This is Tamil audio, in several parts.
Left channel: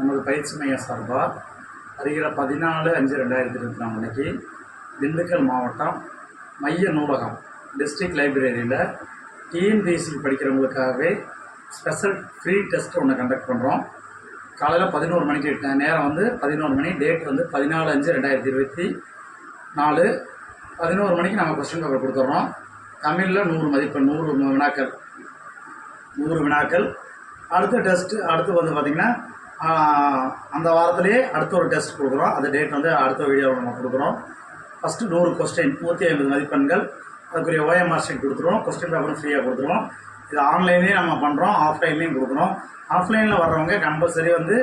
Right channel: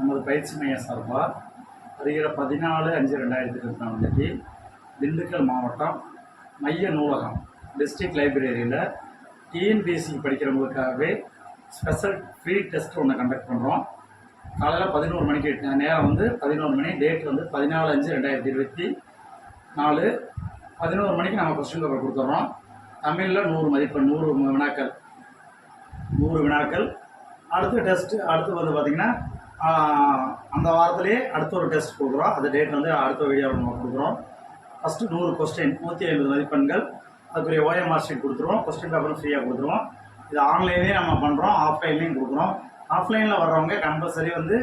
நமது பயிற்சி மைய சார்பாக வருகிற பதினாலு அஞ்சு ரெண்டாயிரத்தி இருபத்தி நாலு அன்னைக்கு திண்டுக்கல் மாவட்டம் மைய நூலகம் டிஸ்ட்ரிக்ட் லைப்ரரியில் டிஎன்பிஎஸ்சி படிக்கிறவங்களுக்காகவே ஸ்பெஷல் ஃப்ரீ டெஸ்ட் ஒன்று கண்டக்ட் பண்ணுறோம் காலையில் பதினோரு மணிக்கு நேரம் வந்து பதினோரு மணி டேட் வந்து பதினாலு அஞ்சு ரெண்டாயிரத்தி இருபத்தி நாலு. பதினோரு மணிக்கு நம்ம கொஸ்டின் பேப்பர் கொடுத்துட்றோம் தமிழில் நூறு மதிப்பெண் நூறு வினாக்கள் நூறு வினாக்கள். அடுத்த டெஸ்ட்டு அடுத்து வந்து பார்த்திங்கன்னா அந்த வாரத்திலேயே அடுத்த ஒரு டெஸ்ட் கொடுக்குறோம். அந்த டேட் வந்து அடுத்த வீடியோவில் நம்ம கொடுக்குறோம். ஃபஸ்ட்டு நூறு கொஸ்டின் நூற்றி ஐம்பது மதிப்பெண்கள். அதுக்குரிய ஓஎம்ஆர் ஷீட் கொடுத்துருவோம். கொஸ்டின் பேப்பரும் ஃப்ரீயாக கொடுத்துருவோம். இது ஆன்லைன்லேயும் நம்ம பண்ணுறோம் ஆஃப்லைன்லேயும் கொடுக்குறோம். ஆஃப்லைனில் வர்றவங்க கம்பல்சரி வந்து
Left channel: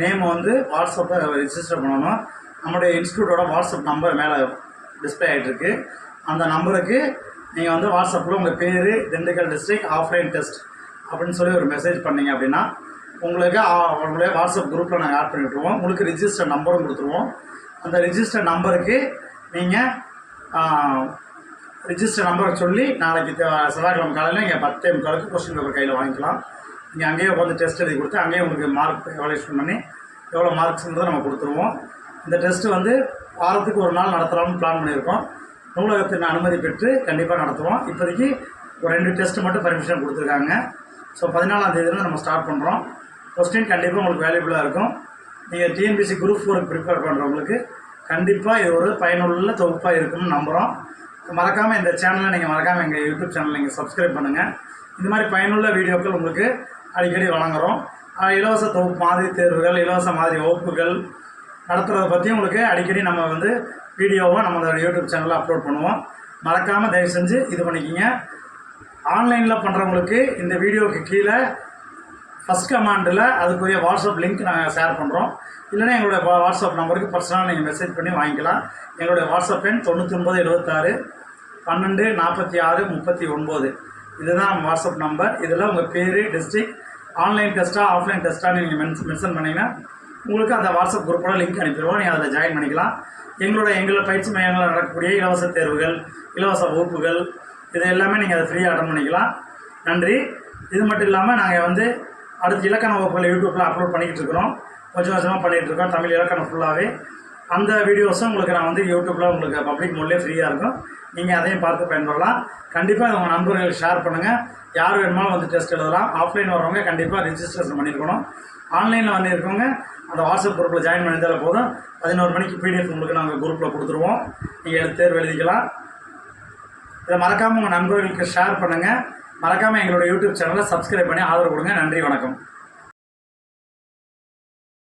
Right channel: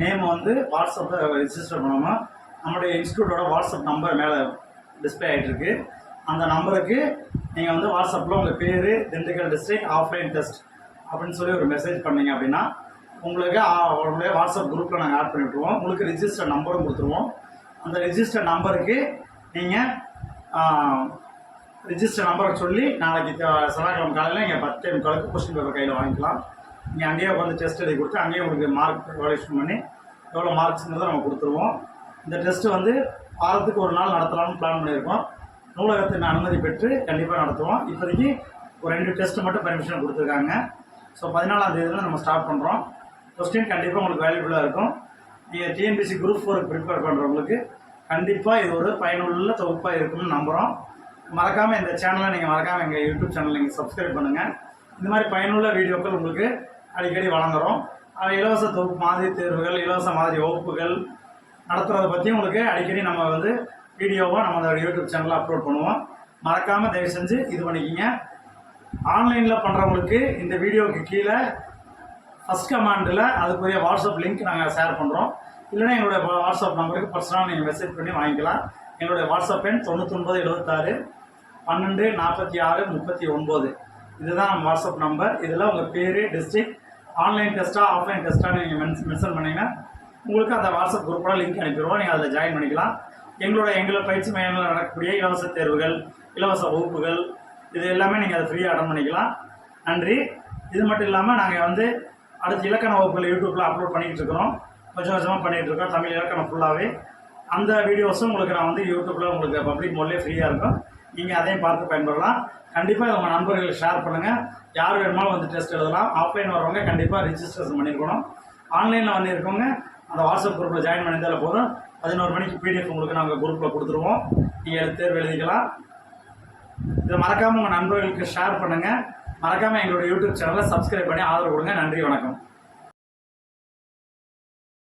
நேம் வந்து வாட்ஸ்அப்பை ரிஜிஸ்டர் பண்ணணும். நம்முடைய இன்ஸ்டியூட்டோட வாட்ஸ்அப் நம்பர் மேலே டிஸ்பிளே ஆகிட்டுருக்கு அந்த நம்பருக்கு நீங்கள் வந்து வாட்ஸ்அப்பில் உங்கள் பேர் திண்டுக்கல் டிஸ்ட்ரிக்ட் ஆஃப்லைன் டெஸ்ட் அப்படின்னு சொல்லி ஒரு மெசேஜ் பண்ணீங்க அப்படின்னா உங்களுக்கு உங்களுடைய வாட்ஸ்அப் குரூப்பில் நாங்கள் ஆட் பண்ணி விட்ருவோம் உங்களுக்கு ரிஜிஸ்டர் நம்பரும் கொடுத்துருவோம். அந்த ரிஜிஸ்டர் நம்பருக்கு நீங்கள் ரிஜிஸ்டர் நம்பரை சொல்லி நாளைக்கு செவ்வாய்க்கிழமை காலையில் நீங்கள் பத்தே முக்காலுக்கு கொஸ்டின் பேப்பர் கையில் வாங்கிக்கலாம். நீங்கள் அங்கேயே உட்காந்து டெஸ்ட் எழுதி கொடுத்து அங்கேயே உங்களுக்கு மார்க் எவாலுவேஷன் பண்ணி எவ்வளோ மார்க்ஸுங்கிறத நம்ம கொடுத்துருவோம். இந்த டெஸ்ட்டு வந்து வாரத்துக்கு ஒரு நாள் நடத்தலாம்னு பிளான் பண்ணியிருக்கோம். நூலகத்தின் அனுமதி பெற்று கண்டிப்பாக நடத்துவோம். இப்போதைக்கு ஒரு ரெண்டு டெஸ்ட்டு மட்டும் பர்மிஷன் கொடுத்துருக்காங்க. ஸோ பதினாலாம் தேதியில நம்ம ஸ்டார்ட் பண்ணுறோம் கொஸ்டின் கண்டிப்பாக உங்களுக்கு வேல்யூபுளாக இருக்கும். நீங்கள் டிஎன்பிசி குரூப் ஃபோருக்கு ப்ரிப்பேர் பண்ணுறவங்களுக்கு கண்டிப்பாக இது ஒரு பயனுள்ள தொகுப்பாக இருக்கும்னு நம்புகிறோம் மறக்காமல் இந்த சேனலை நீங்கள் மறக்காமல் எங்கள் யூடியூப் சேனலை நீங்கள் சப்ஸ்கிரைப் பண்ணுங்கள் இந்த மாதிரி பயனுள்ள வீடியோக்கள் உங்களுக்கு அடிக்கடி வழங்குகிறோம் இலவச தொகுப்பு மாதிரி தேர்வுகள் இலவச மாதிரி வகுப்புகள் நடத்துகிறத பற்றி உங்களுக்கு அடிக்கடி நம்ம வந்து வீடியோவாக நம்ம யூடியூப் சேனலில் அப்லோட் பண்ணுவோம். மறக்காமல் தயவு செஞ்சு இது பண்ணிக்கிங்க. ஆன்லைனில் பண்ணுறவங்களுக்கு இந்த வீடியோவுக்கு கீழே ஃபஸ்ட் கமாண்டில் அதுக்குரிய வாட்ஸ்அப் லிங்க் நாங்கள் ஷேர் பண்ணுறோம் இல்லைன்னா எங்களுடைய வா- வாட்ஸ்அப் நம்பருக்கு பர்சனலாக நீங்கள் மெசேஜ் பண்ணி வாங்கிக்கலாம். எங்களுடைய வாட்ஸ்அப் எண் தொண்ணூற்றி ஒன்பது எழுபத்தாறு பன்னெண்டு நாற்பத்தி ஆறு முப்பத்தி ஒன்பது. இதுதான் நம்ம வாட்ஸ்அப் நம்பர் இதில் உங்கள் பேர் டிஸ்ட்ரிக்ட் ஆன்லைன் டெஸ்ட்டாக ஆஃப்லைன் டெஸ்ட்டாக நீங்கள் மென்ஸ் மென்ஷன் பண்ணிங்கன்னா உங்களுக்கு அந்த வாட்ஸ்அப் குரூப்போட லிங்க் அனுப்பிடுவோம். நீங்கள் அதில் ஜாயின் பண்ணிக்கலாம். எங்களோட எங்களோட பயிற்சி மையங்களில் நடக்கக்கூடிய இலவச தேர்வுகள் இலவச வகுப்புகள் இது எல்லாமே நீங்கள் அதை ஃப்ரீயாக அட்டன் பண்ணிக்கலாம். நன்றி. இது மட்டும் இல்லாமல் நாங்கள் வந்து அடுத்து இலக்கண வகுப்புகளை யூடியூப்பில் அப்லோட் பண்ணிக்கிட்டு இருக்கிறோம் கொஞ்சம் கொஞ்சமாக பண்ணிகிட்டு இருக்கோம் தமிழ் இலக்கணம் ஃபுல்லாகவே அந்த வீடியோஸும் உங்களுக்கு நான் வந்து யூடியூப்பில் உங்களுக்கு பப்ளிக் மோட்லேயே ஃப்ரீயாக இருக்கும். நீங்கள் அதையும் பார்த்து பயன்படலாம். கண்டிப்பாக உங்கள் நண்பர்களுக்கு ஷேர் பண்ணுங்கள் யார் வேணுமாலும் வந்து டெஸ்ட் எழுதலாம். ஆஃப்லைன் வரவங்க கண்டிப்பாக ரிஜிஸ்ட்ரேஷன் பண்ணியிருக்கணும் ஆன்லைனில் வந்து இருக்கவங்க அந்த வாட்ஸ்அப் குரூப்பில் ஜாயின் பண்ணியிருந்தாலே போதும். பதினோரு மணிக்கு பிடிஎஃப் உங்களுக்கு நாங்கள் குரூப்பில் கொடுத்துருவோம். நீங்கள் தேர்வு எழுதிக்கலாம். இதை மறக்காமல் உங்கள் நண்பர்களுக்கு ஷேர் பண்ணுங்கள் மறக்காமல் எங்களோட யூடியூப் சேனலை சப்ஸ்கிரைப் பண்ணி ஆதரவு கொடுங்க. நன்றி வணக்கம்.